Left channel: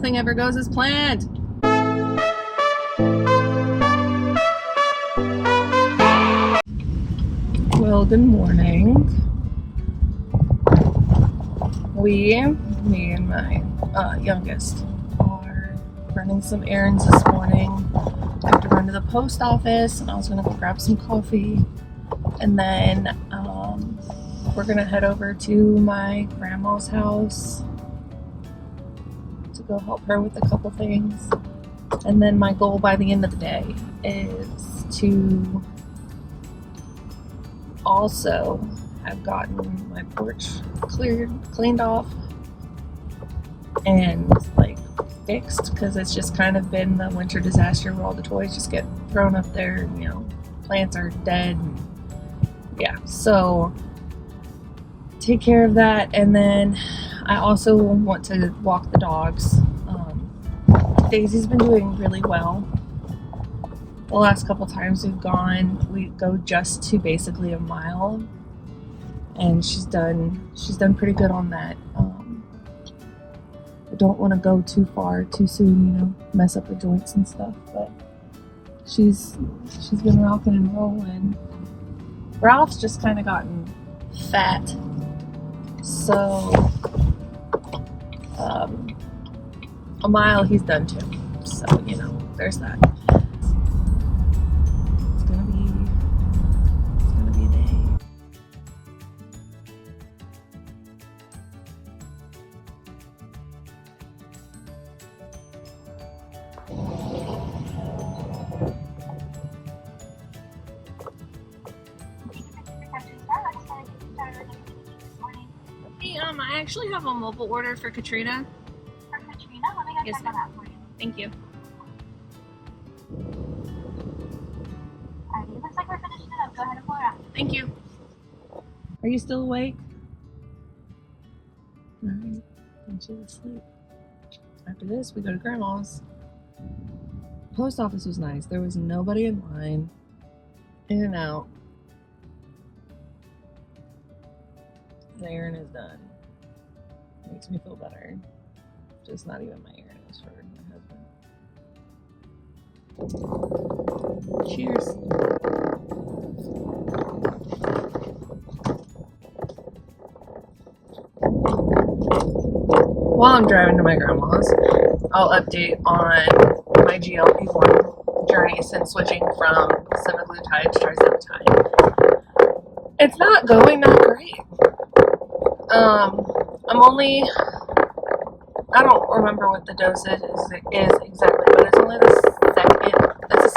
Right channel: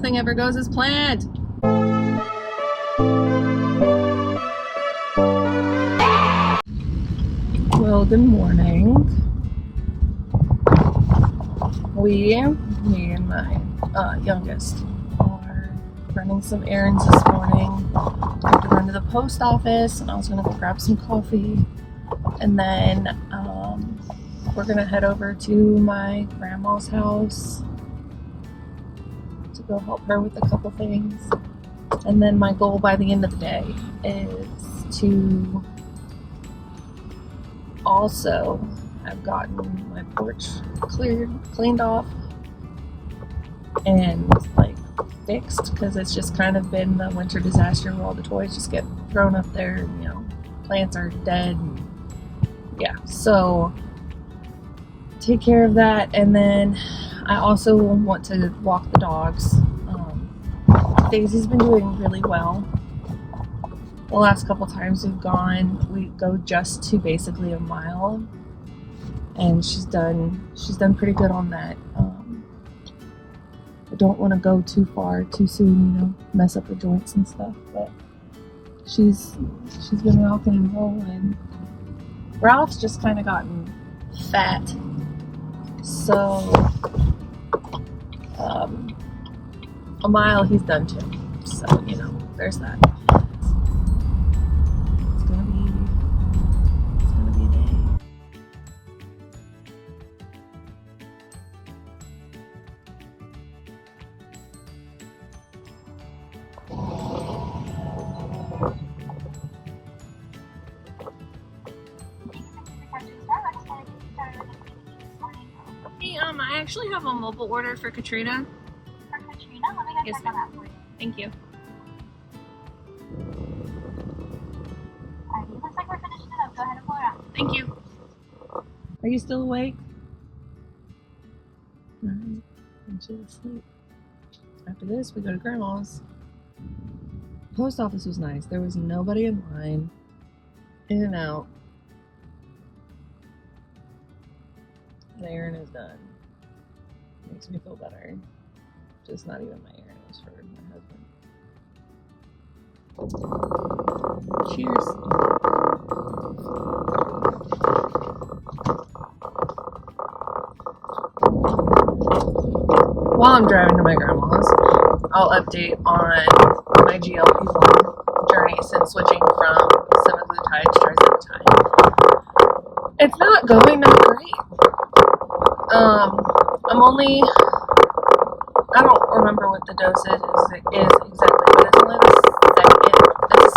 nothing ever goes as planned. Well, good morning. Me and my youngest are running some errands this morning. I have to run to the post office, and I was going to go grab some coffee. And then we're going to head over to my grandma's house to go help her with a couple things. And then my goal by the end of the day is to also have gotten my porch cleaned off and like fixed, because it's just kind of been the winter disaster where all the toys just get thrown up there and, you know, plants are dead and yeah, so take care of that. And then I also want to walk the dogs. Daisy's been doing really well. The last couple times we've gone, we go just to basically a mile, and she's done pretty good on that. I don't want to go too far too soon, you know, mess up the joints and stuff, but she's been rocking and rolling. Ralph's just kind of gotten fat, so a mile he's done too, so you know, there's that. It's gonna be a day. Hey, I actually have a mobile order for Katrina. Let me go Yes, check on that for you. Thank you. Alright, looks like we're finished it up. Go ahead and pull it out. Thank you. Are you still awake? Alright, and she's asleep. After this, we go to Grandma's. Post office was nice. There was nobody in line. In and out. The errand is done. Makes me feel better. Just not even my errand, it was for my husband. Cheers. While I'm driving to my grandma's, I'll update on my GLP-1 journey since switching from semaglutide to tirzepatide. It's not going that great. I don't remember what the dosage is exactly, but it's only the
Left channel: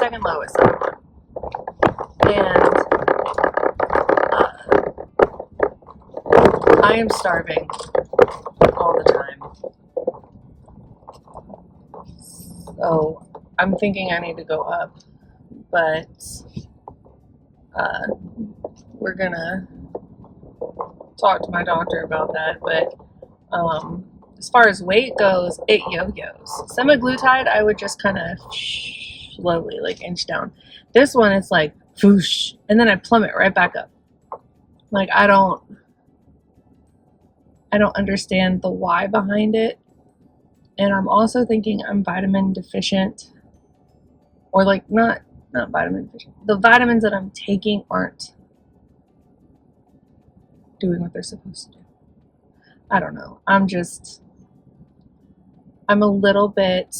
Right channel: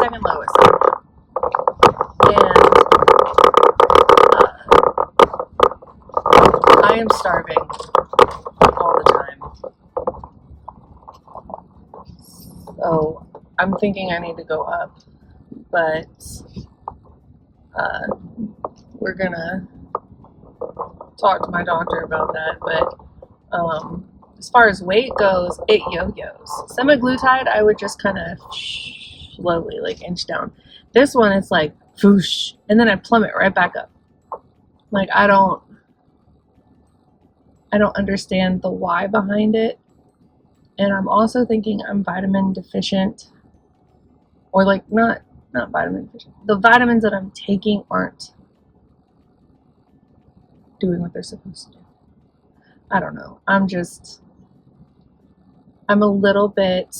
second lowest. And I am starving all the time. So I'm thinking I need to go up, but we're gonna talk to my doctor about that. But as far as weight goes, it yo-yos. Semaglutide, I would just kind of slowly like inch down. This one, it's like whoosh, and then I plummet right back up. Like I don't understand the why behind it. And I'm also thinking I'm vitamin deficient, or like not vitamin deficient. The vitamins that I'm taking aren't doing what they're supposed to do. I don't know. I'm a little bit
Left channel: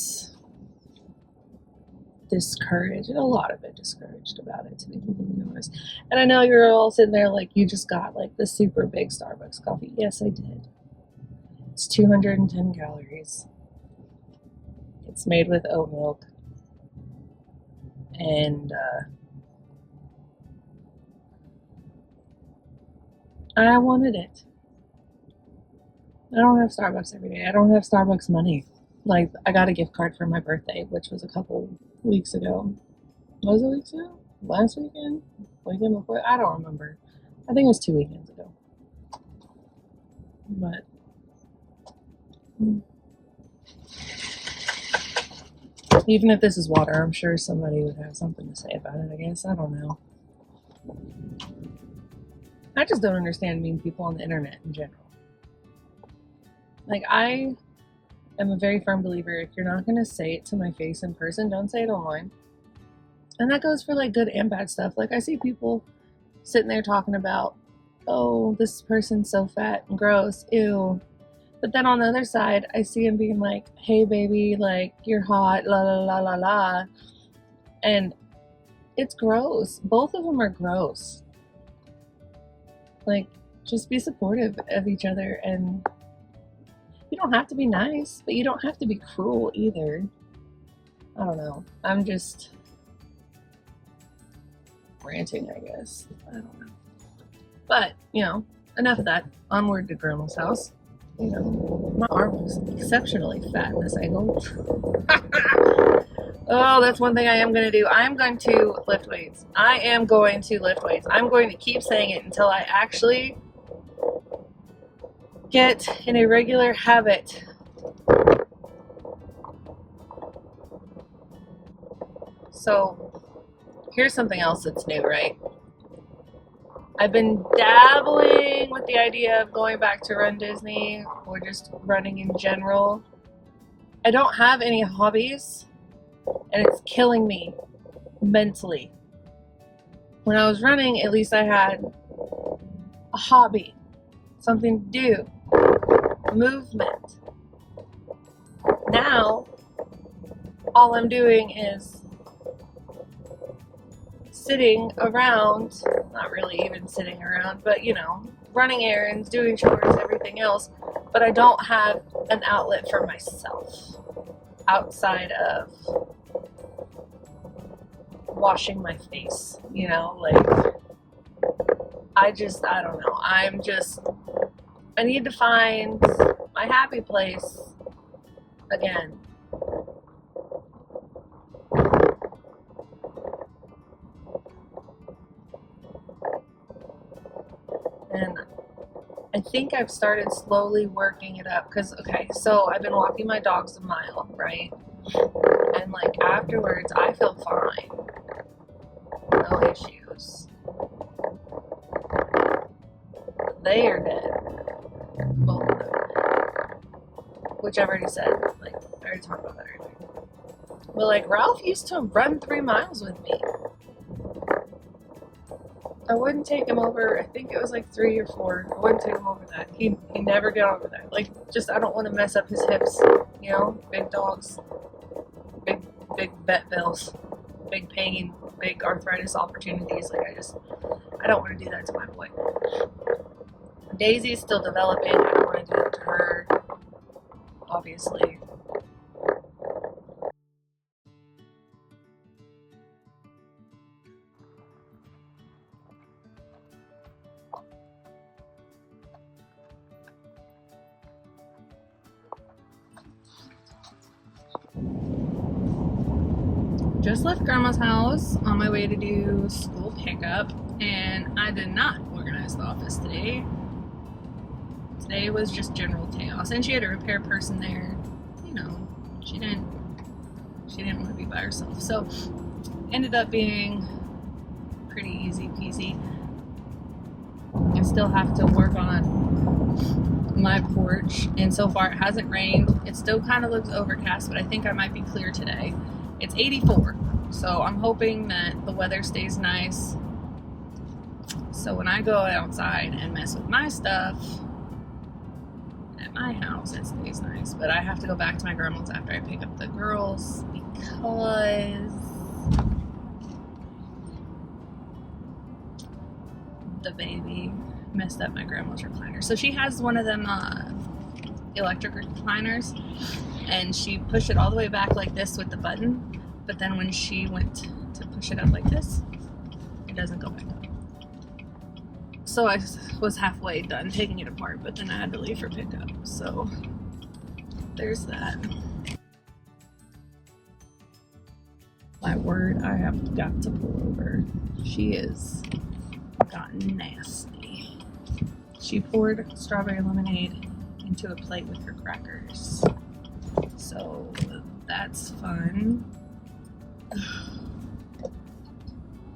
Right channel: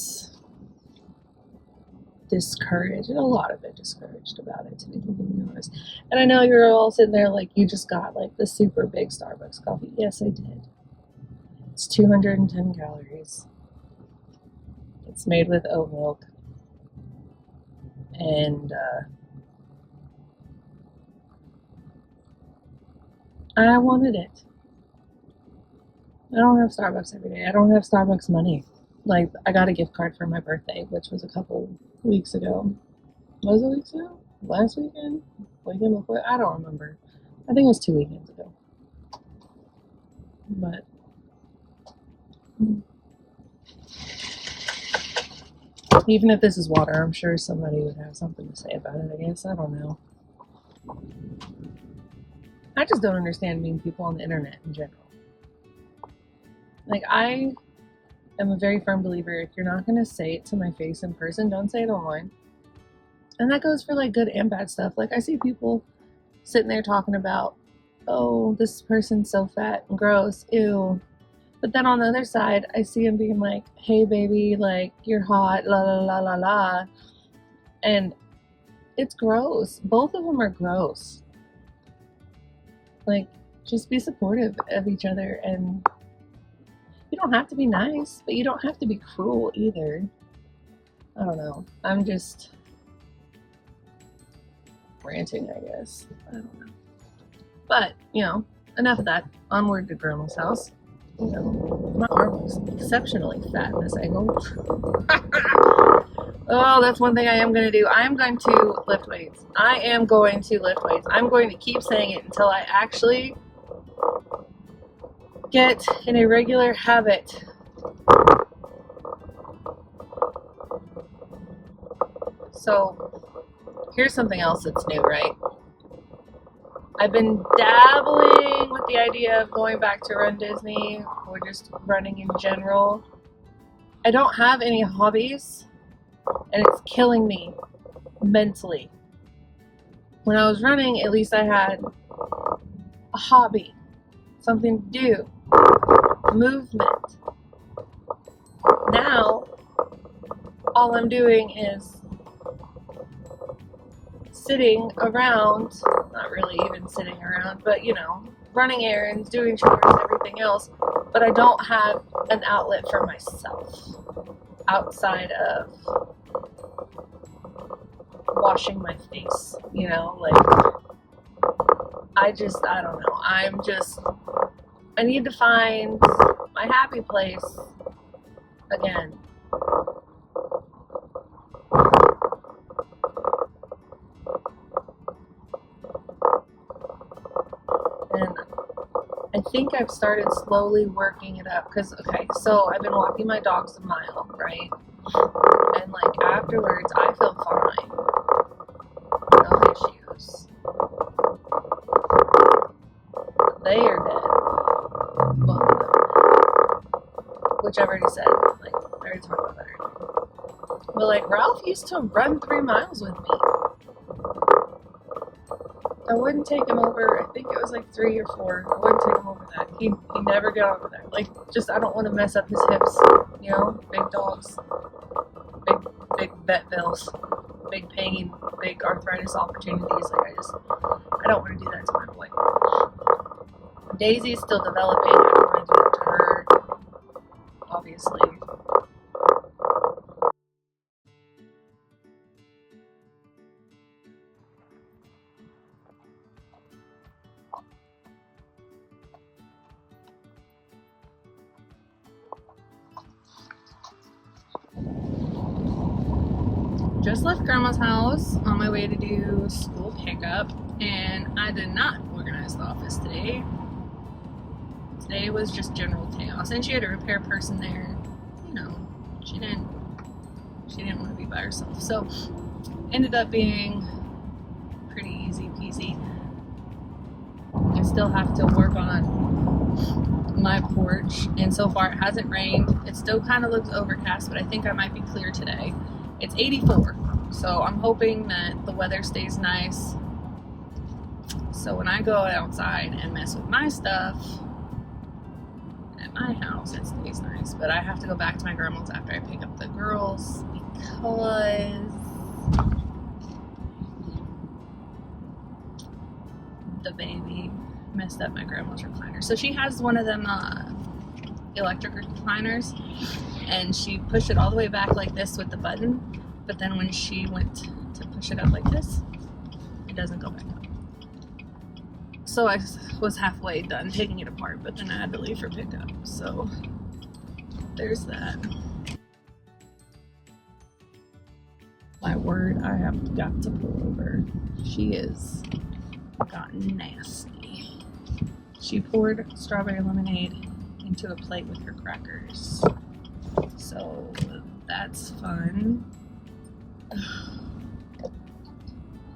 discouraged, a lot of it discouraged about it, to be completely honest. And I know you're all sitting there like, you just got like the super big Starbucks coffee. Yes, I did. It's 210 calories. It's made with oat milk. And I wanted it. I don't have Starbucks every day. I don't have Starbucks money. Like, I got a gift card for my birthday, which was a couple weeks ago. Was it weeks ago? Last weekend? Weekend before? I don't remember. I think it was 2 weekends ago. But even if this is water, I'm sure somebody would have something to say about it, I guess. I don't know. I just don't understand mean people on the internet in general. Like, I I'm a very firm believer, if you're not going to say it to my face in person, don't say it online. And that goes for like good and bad stuff. Like I see people sitting there talking about, oh, this person's so fat and gross, ew. But then on the other side, I see him being like, hey baby, like you're hot, la la la la la. And it's gross. Both of them are gross. Like, just be supportive of each other, and you don't have to be nice, but you don't have to be cruel either. I don't know. I'm just ranting, I guess. I don't know. But, enough of that. Onward to Grandma's house. My arm looks exceptionally fat in this angle. Oh, that's one thing I am going to do. I am going to lift weights. I'm going to keep saying it until I actually get in a regular habit. So, here's something else that's new, right? I've been dabbling with the idea of going back to Run Disney or just running in general. I don't have any hobbies, and it's killing me mentally. When I was running, at least I had a hobby, something to do, movement. Now, all I'm doing is sitting around, not really even sitting around, but running errands, doing chores, everything else, but I don't have an outlet for myself outside of washing my face, I don't know. I need to find my happy place again. And I think I've started slowly working it up because, so I've been walking my dogs a mile, right? And afterwards, I feel fine. No issues. They are dead. Both of them. Which I've already said. I already talked about that already. But Ralph used to run 3 miles with me. I wouldn't take him over, I think it was 3 or 4. I wouldn't take him over that. He never got over that. I don't want to mess up his hips. Big dogs. Big vet bills. Big pain. Big arthritis opportunities. I don't want to do that to my boy. Daisy's still developing. I don't want to do that to her. Obviously. Just left Grandma's house on my way to do school pickup, and I did not organize the office today. Today was just general chaos, and she had a repair person there. She didn't want to be by herself, so ended up being pretty easy peasy. I still have to work on my porch, and so far it hasn't rained. It still kind of looks overcast, but I think I might be clear today. It's 84, so I'm hoping that the weather stays nice. So when I go outside and mess with my stuff at my house, it stays nice. But I have to go back to my grandma's after I pick up the girls because the baby messed up my grandma's recliner. So she has one of them electric recliners, and she pushed it all the way back like this with the button, but then when she went to push it up like this, it doesn't go back up. So I was halfway done taking it apart, but then I had to leave for pickup, so there's that. My word, I have got to pull over. She is gotten nasty. She poured strawberry lemonade into a plate with her crackers. So that's fun.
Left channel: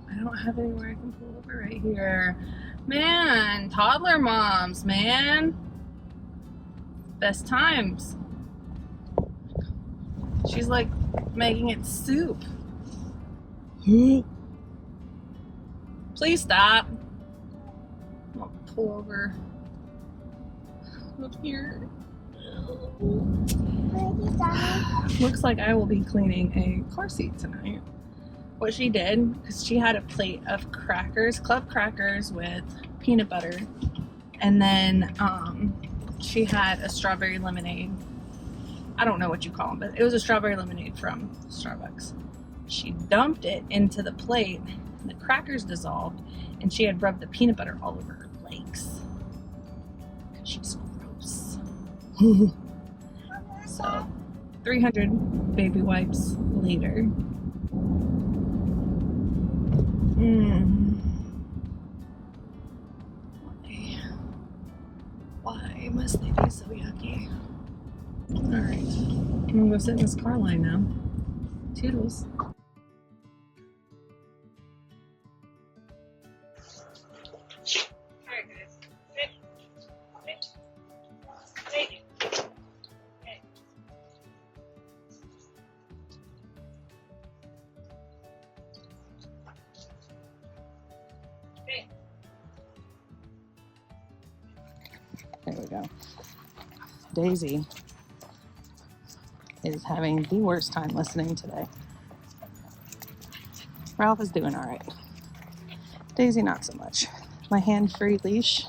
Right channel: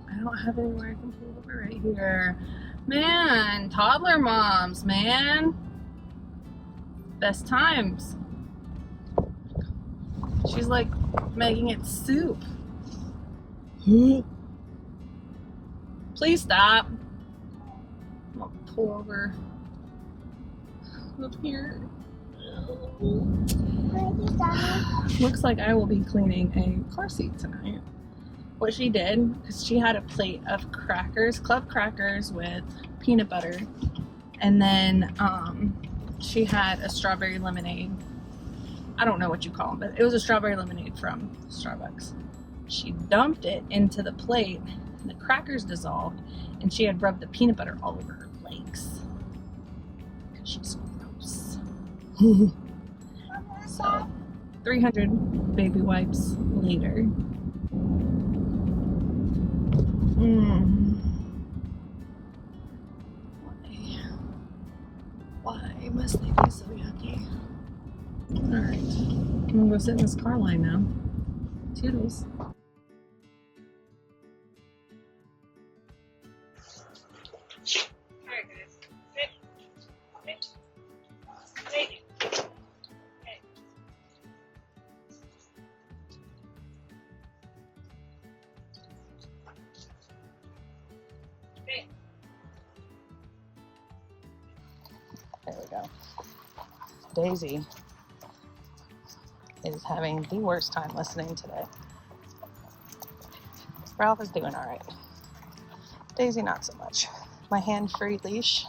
I don't have anywhere I can pull over right here. Man, toddler moms, man. Best times. She's like making it soup. Please stop. I'll pull over up here. Looks like I will be cleaning a car seat tonight. What she did, because she had a plate of crackers, club crackers with peanut butter, and then she had a strawberry lemonade. I don't know what you call them, but it was a strawberry lemonade from Starbucks. She dumped it into the plate, and the crackers dissolved, and she had rubbed the peanut butter all over her legs. She's gross. So, 300 baby wipes later. Why must they be so yucky? Alright, I'm gonna go sit in this car line now. Toodles. Alright guys, sit. There we go. Daisy is having the worst time listening today. Ralph is doing alright. Daisy, not so much. My hand-free leash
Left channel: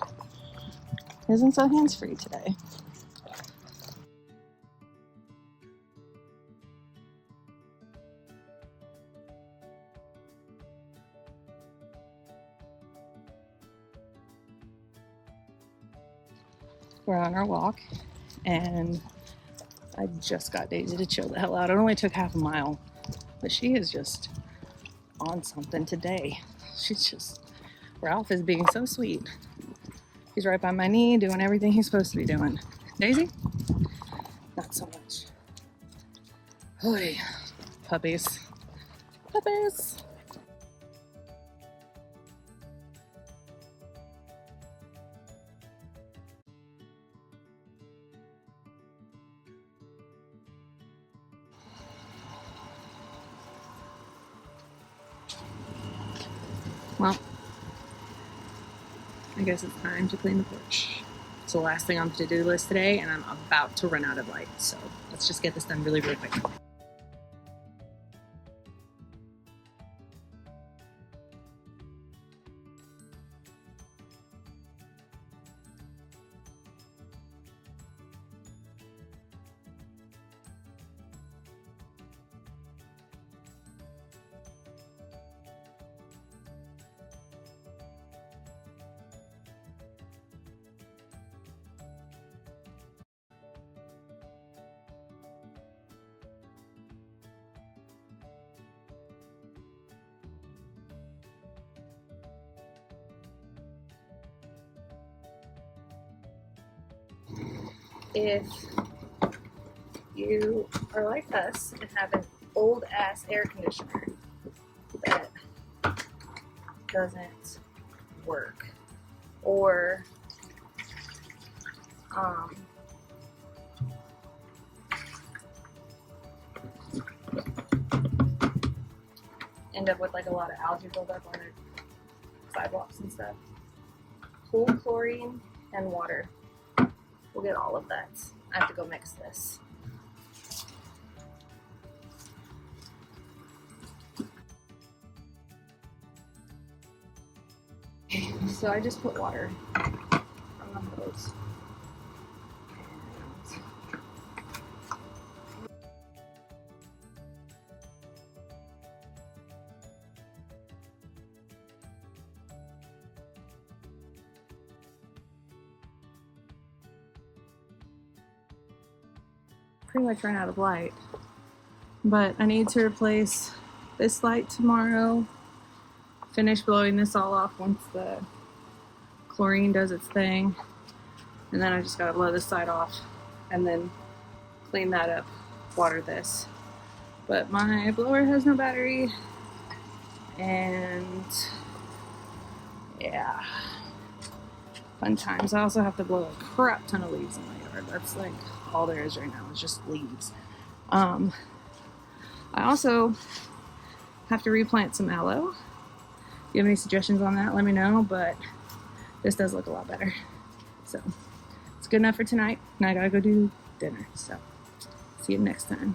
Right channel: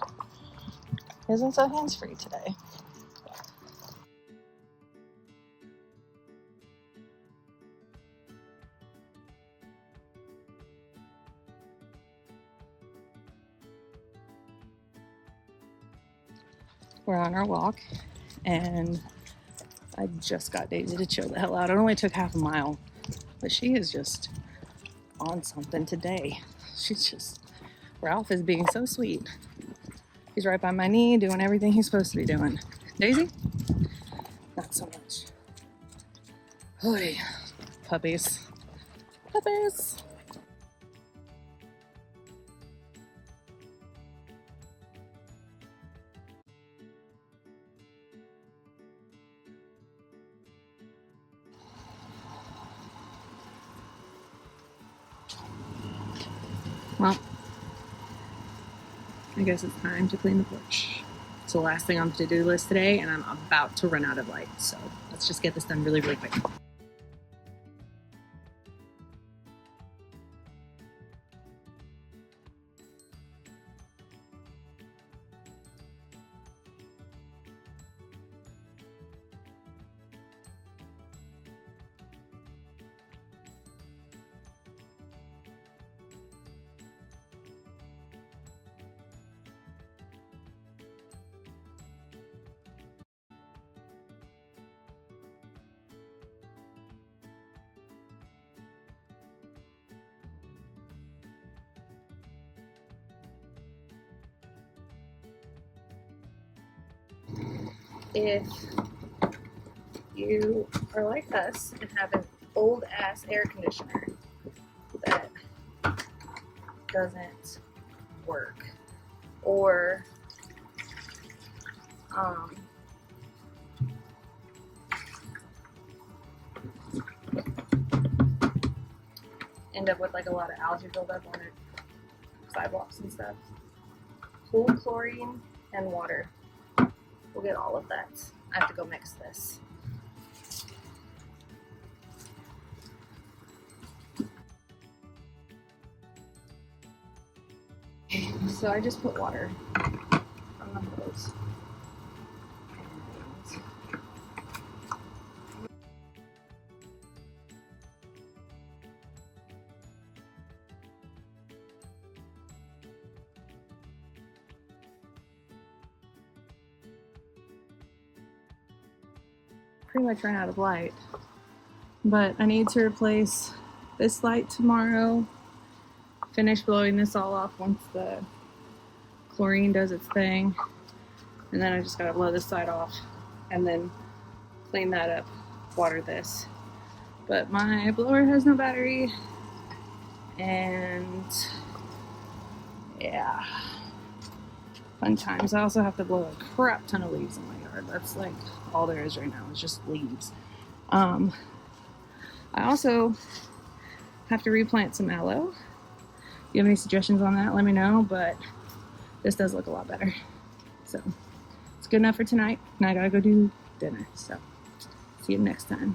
isn't so hands-free today. We're on our walk, and I just got Daisy to chill the hell out. It only took half a mile, but she is just on something today. Ralph is being so sweet. He's right by my knee, doing everything he's supposed to be doing. Daisy? Not so much. Holy puppies. Puppies. Well, I guess it's time to clean the porch. It's the last thing on the to-do list today, and I'm about to run out of light, so let's just get this done really, really quick. If you are like us and have an old ass air conditioner that doesn't work, or end up with like a lot of algae buildup on it, sidewalks and stuff, pool chlorine and water. We'll get all of that. I have to go mix this. So I just put water on those. Pretty much run out of light, but I need to replace this light tomorrow, finish blowing this all off once the chlorine does its thing, and then I just gotta blow this side off and then clean that up, water this. But my blower has no battery, and yeah, fun times. I also have to blow a crap ton of leaves in my yard. That's like all there is right now, is just leaves. I also have to replant some aloe. If you have any suggestions on that, let me know, but this does look a lot better. So it's good enough for tonight. Now I gotta go do dinner. So see you next time.